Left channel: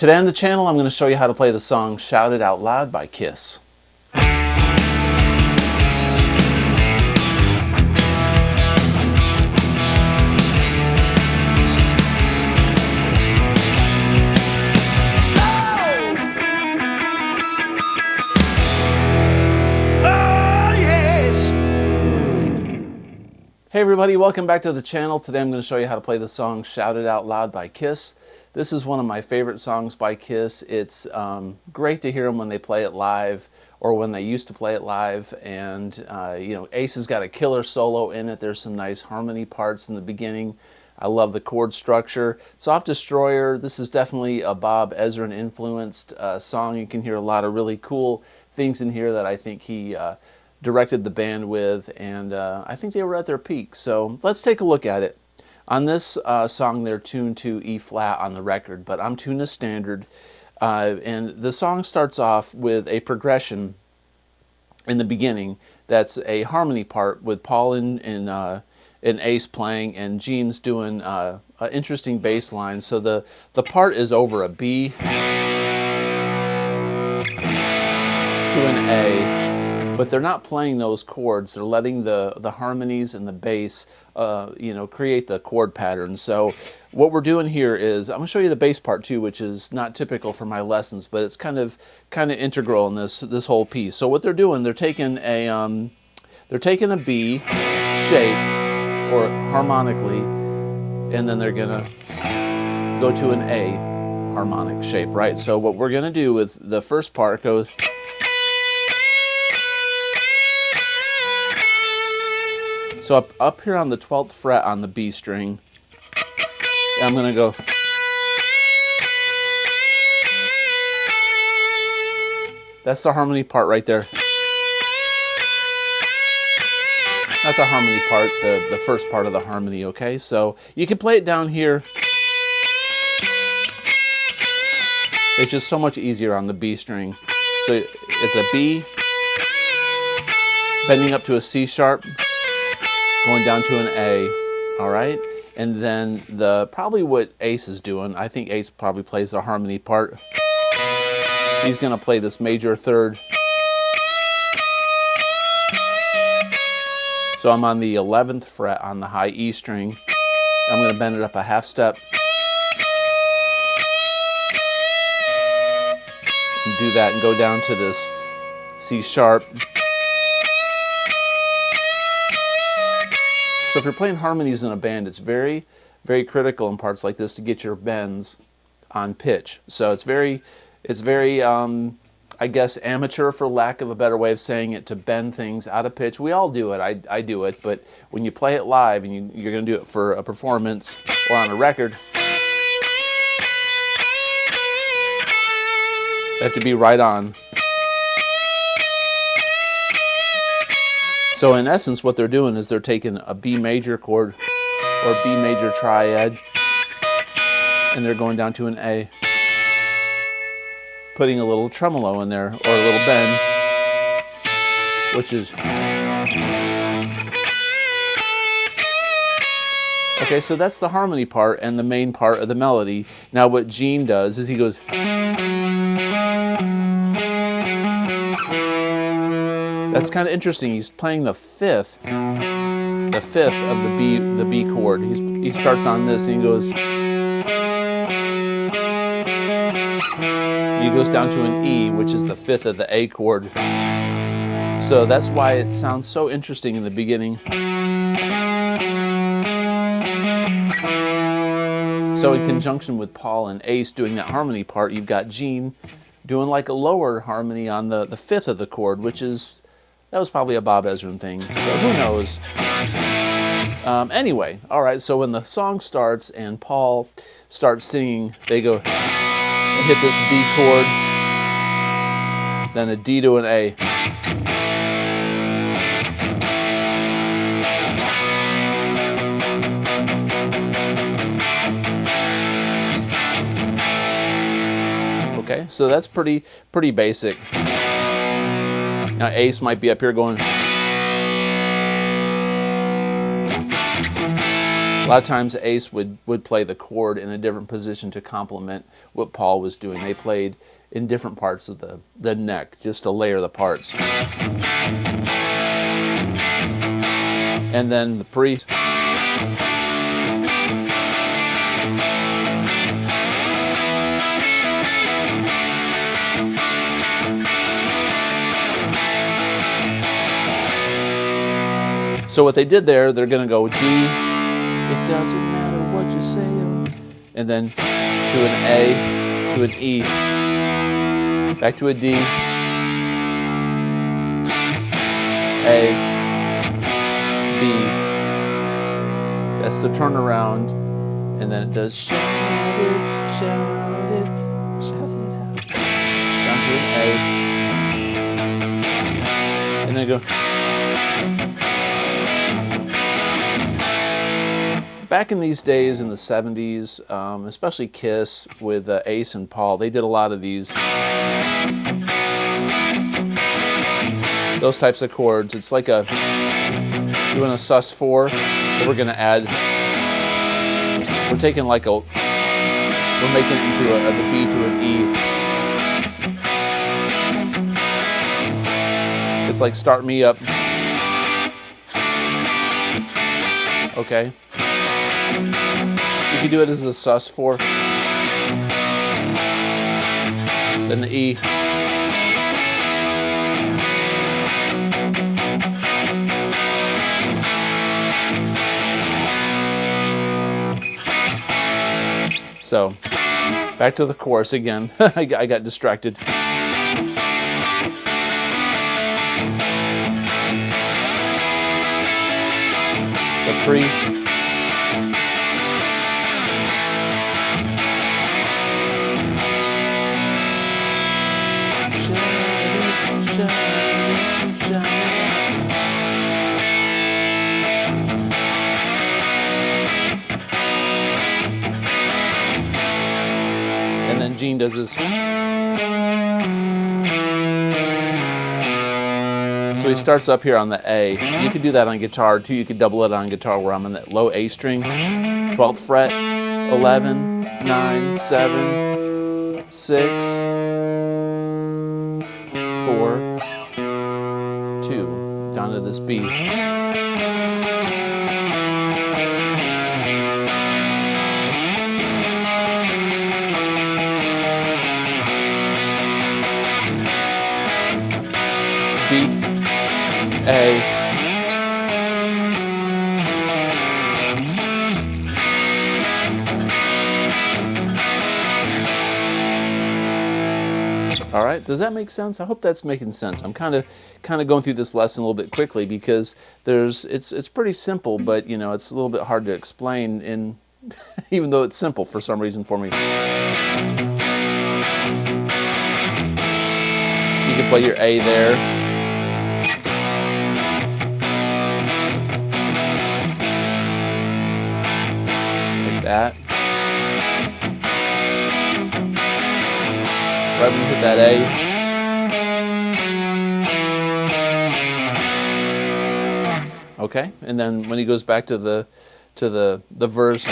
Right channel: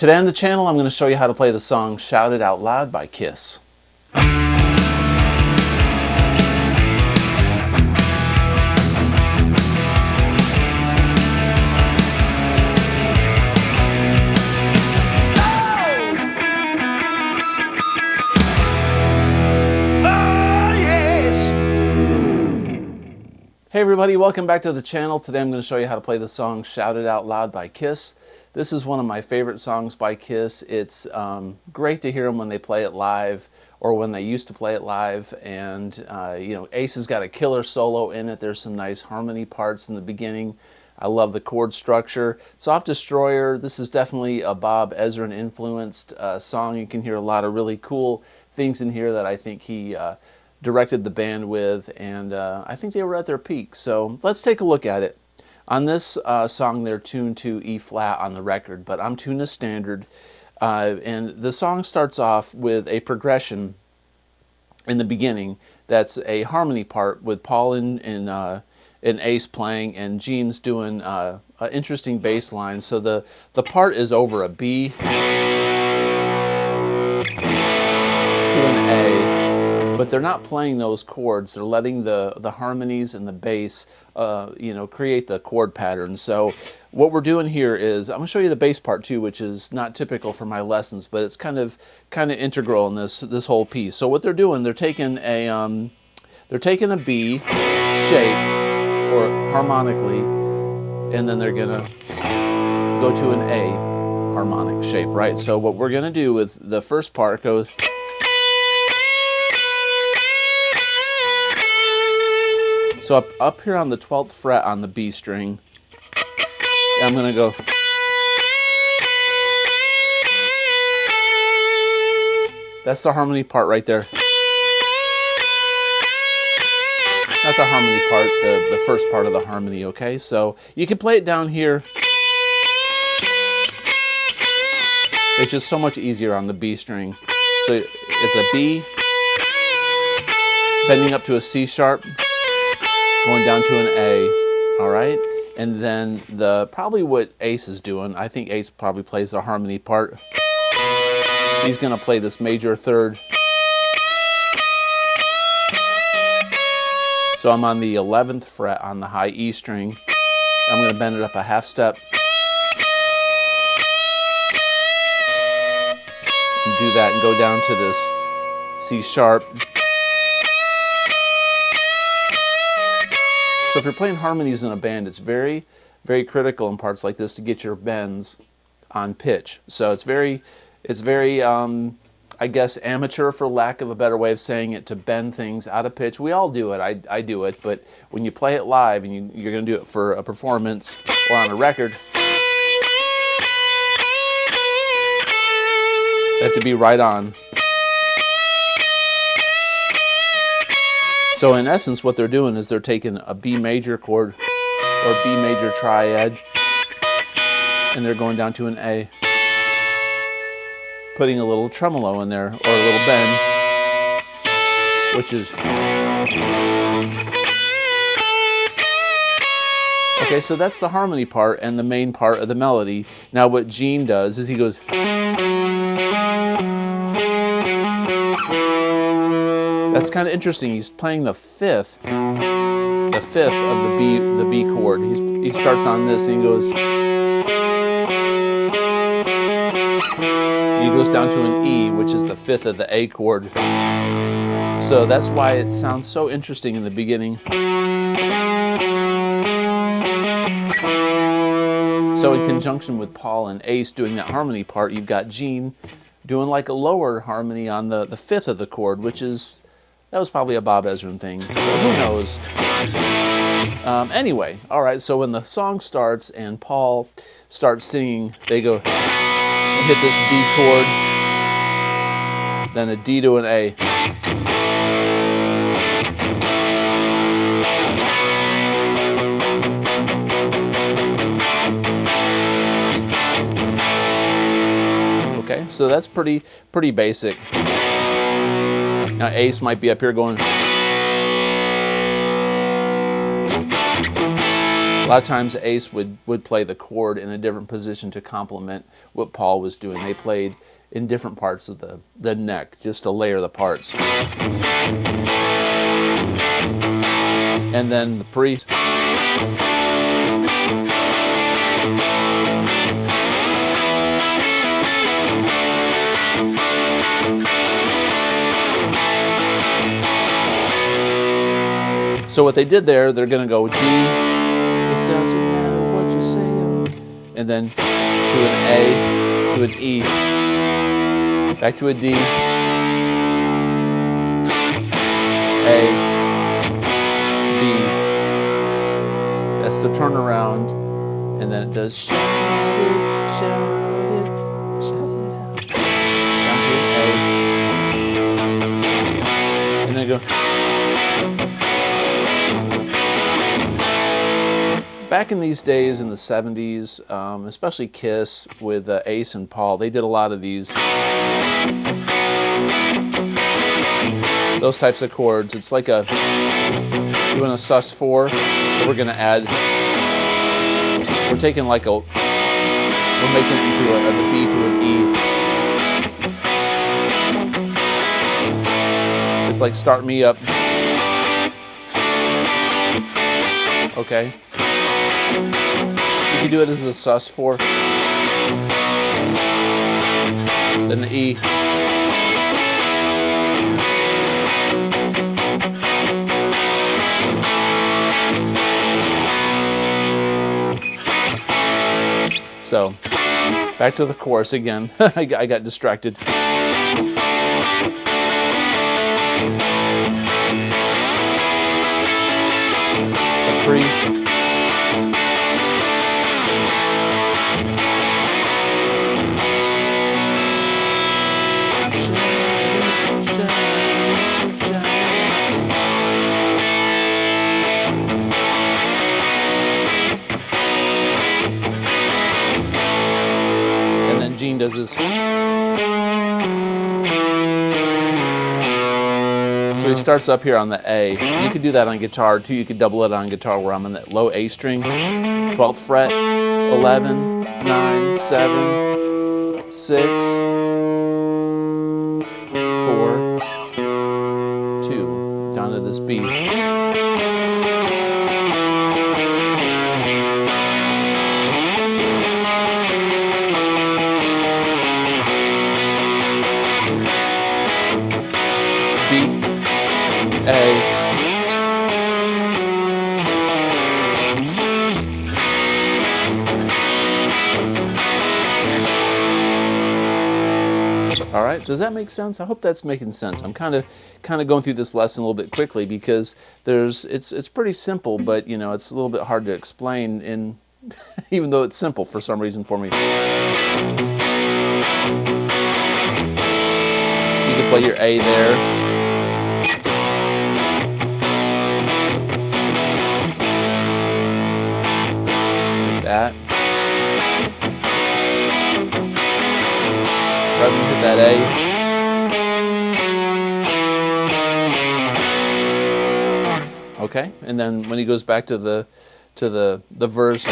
Today on the channel, I'm going to show you how to play the song Shout It Out Loud by Kiss. Hey everybody, welcome back to the channel. Today I'm going to show you how to play the song Shout It Out Loud by Kiss. This is one of my favorite songs by Kiss. It's great to hear them when they play it live or when they used to play it live. And you know, Ace has got a killer solo in it. There's some nice harmony parts in the beginning. I love the chord structure. Soft Destroyer, this is definitely a Bob Ezrin influenced song. You can hear a lot of really cool things in here that I think he directed the band with, and I think they were at their peak. So let's take a look at it. On this song, they're tuned to E flat on the record, but I'm tuned to standard. And the song starts off with a progression in the beginning that's a harmony part with Paul and Ace playing, and Gene's doing an interesting bass line. So the part is over a B to an A. But they're not playing those chords. They're letting the harmonies and the bass, you know, create the chord pattern. So what we're doing here is I'm going to show you the bass part too, which is not typical for my lessons, but it's kind of integral in this whole piece. So what they're doing, they're taking a B shape or harmonically, and then they're gonna go to an A harmonic shape, right? So what we're gonna do with the first part goes. So up here on the 12th fret on the B string, I'm going to go. That's the harmony part right there. Not the harmony part, the first part of the harmony, okay? So you can play it down here. It's just so much easier on the B string. So it's a B, bending up to a C sharp, going down to an A, all right? And then probably what Ace is doing, I think Ace probably plays the harmony part. He's gonna play this major third. So I'm on the 11th fret on the high E string. I'm gonna bend it up a half step. And do that and go down to this C sharp. So if you're playing harmonies in a band, it's very, very critical in parts like this to get your bends on pitch. So it's very, I guess, amateur, for lack of a better way of saying it, to bend things out of pitch. We all do it. I do it. But when you play it live and you're going to do it for a performance or on a record, they have to be right on. So in essence, what they're doing is they're taking a B major chord or B major triad, and they're going down to an A, putting a little tremolo in there or a little bend, which is okay. So that's the harmony part and the main part of the melody. Now what Gene does is he goes. That's kind of interesting. He's playing the fifth of the B chord. He starts on this and he goes, and he goes down to an E, which is the fifth of the A chord. So that's why it sounds so interesting in the beginning. So in conjunction with Paul and Ace doing that harmony part, you've got Gene doing like a lower harmony on the fifth of the chord, which is. That was probably a Bob Ezrin thing, but who knows? Anyway, all right, so when the song starts and Paul starts singing, they go, hit this B chord, then a D to an A. Okay, so that's pretty basic. Now Ace might be up here going, lot of times Ace would play the chord in a different position to complement what Paul was doing. They played in different parts of the neck just to layer the parts. And then the pre. So what they did there, they're going to go D, it doesn't matter what you say, and then to an A, to an E, back to a D, A, B, that's the turnaround, and then it does shout it, shout it, shout it out, down to an A, and then go. Back in these days, in the 70s, especially Kiss with Ace and Paul, they did a lot of these, those types of chords. It's like doing a sus4, but we're going to add, we're taking like we're making it into the B to an E. It's like start me up. Okay. You can do it as a sus4, then the E, so back to the chorus again. I got distracted. The pre. And then Gene does his. So he starts up here on the A. You could do that on guitar too. You could double it on guitar where I'm on that low A string, 12th fret, 11, 9, 7, 6, 4, 2, down to this B. B, A, all right, does that make sense? I hope that's making sense. I'm kind of going through this lesson a little bit quickly because it's pretty simple, but you know, it's a little bit hard to explain in even though it's simple for some reason for me. You can play your A there. Like that. Right when you hit that A. Okay, and then when he goes back to the verse.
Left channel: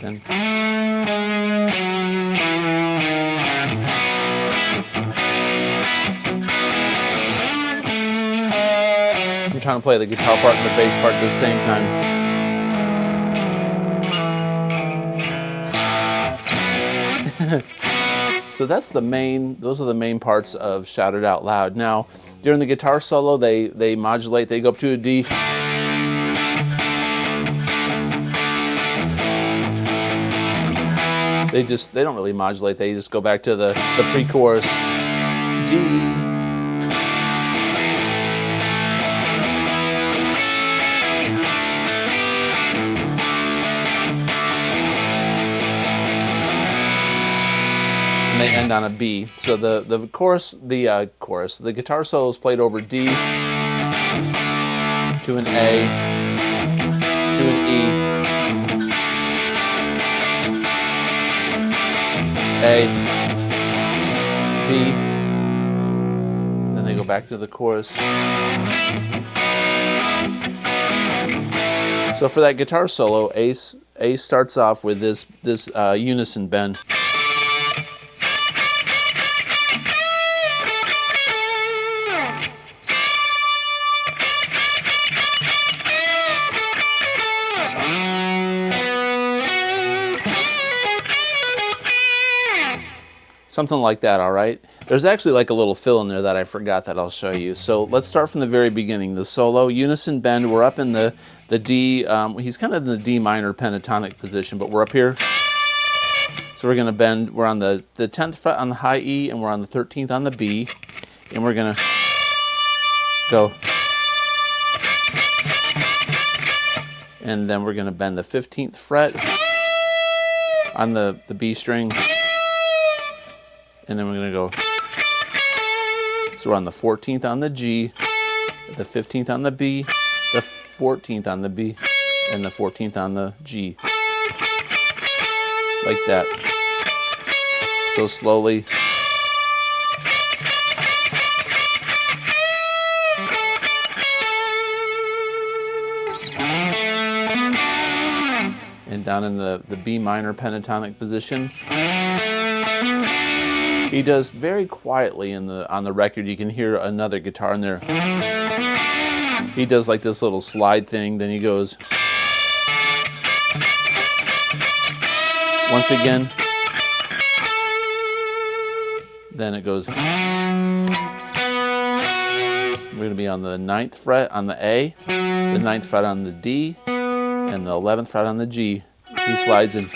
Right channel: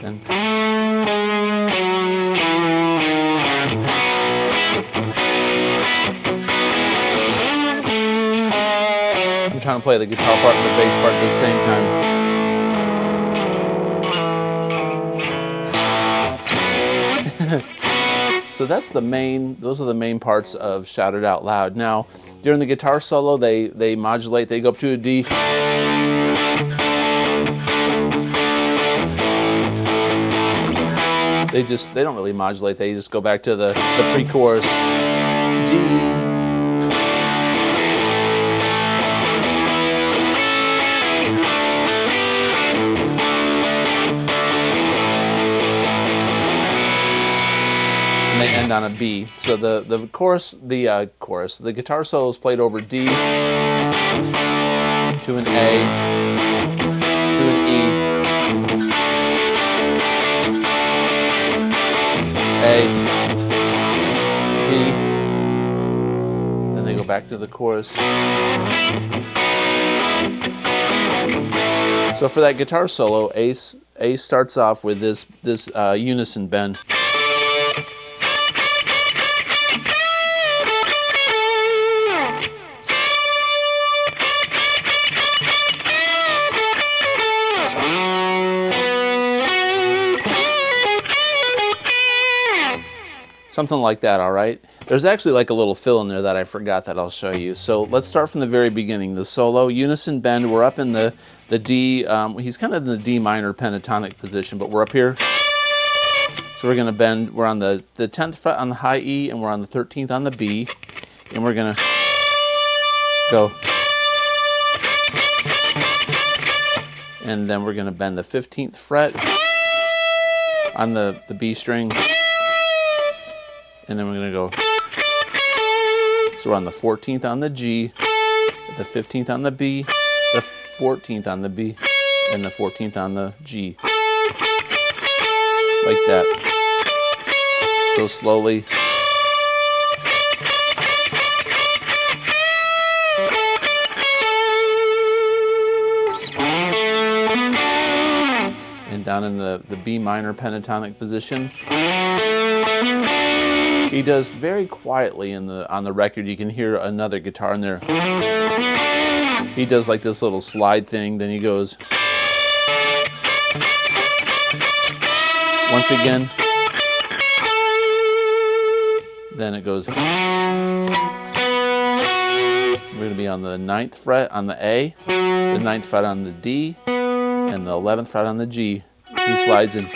Then I'm trying to play the guitar part and the bass part at the same time. So those are the main parts of Shout It Out Loud. Now, during the guitar solo, they modulate, they go up to a D. They don't really modulate, they just go back to the pre-chorus D. they end on a B. So the guitar solo is played over D to an A to an E, A, B. Then they go back to the chorus. So for that guitar solo, A starts off with this unison bend. Something like that, all right? There's actually like a little fill in there that I forgot that I'll show you. So let's start from the very beginning. The solo, unison bend, we're up in the D, he's kind of in the D minor pentatonic position, but we're up here. So we're gonna bend, we're on the 10th fret on the high E, and we're on the 13th on the B, and we're gonna go. And then we're gonna bend the 15th fret on the B string, and then we're going to go, so we're on the 14th on the G, the 15th on the B, the 14th on the B, and the 14th on the G. Like that. So slowly. And down in the B minor pentatonic position. He does very quietly on the record. You can hear another guitar in there. He does like this little slide thing, then he goes once again, then it goes. We're going to be on the 9th fret on the A, the 9th fret on the D, and the 11th fret on the G. He slides in.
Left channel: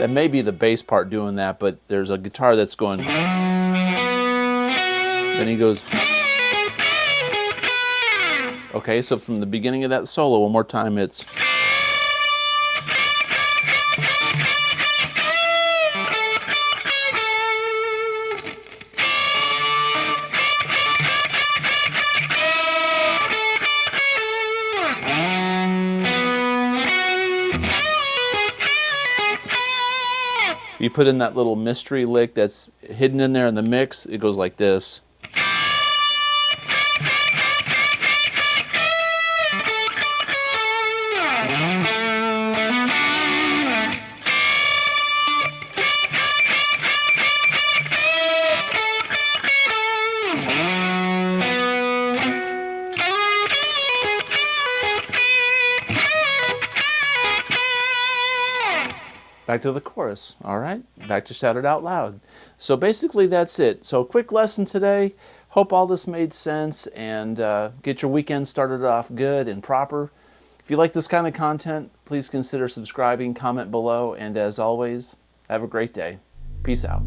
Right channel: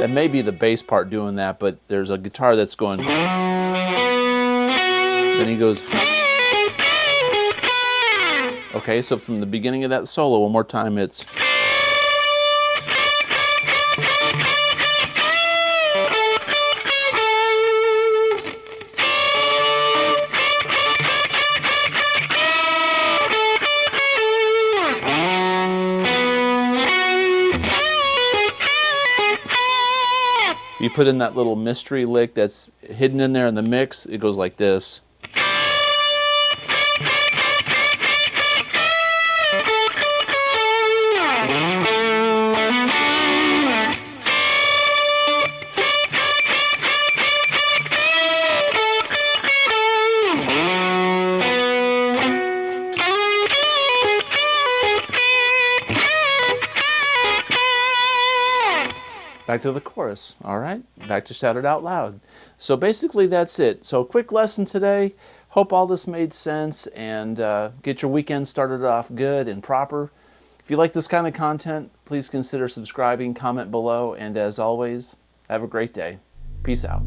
That may be the bass part doing that, but there's a guitar that's going. Then he goes. Okay, so from the beginning of that solo, one more time, it's. You put in that little mystery lick that's hidden in there in the mix, it goes like this. Back to the chorus, all right? Back to Shout It Out Loud. So basically that's it. So quick lesson today. Hope all this made sense, and get your weekend started off good and proper. If you like this kind of content, please consider subscribing, comment below, and as always, have a great day. Peace out.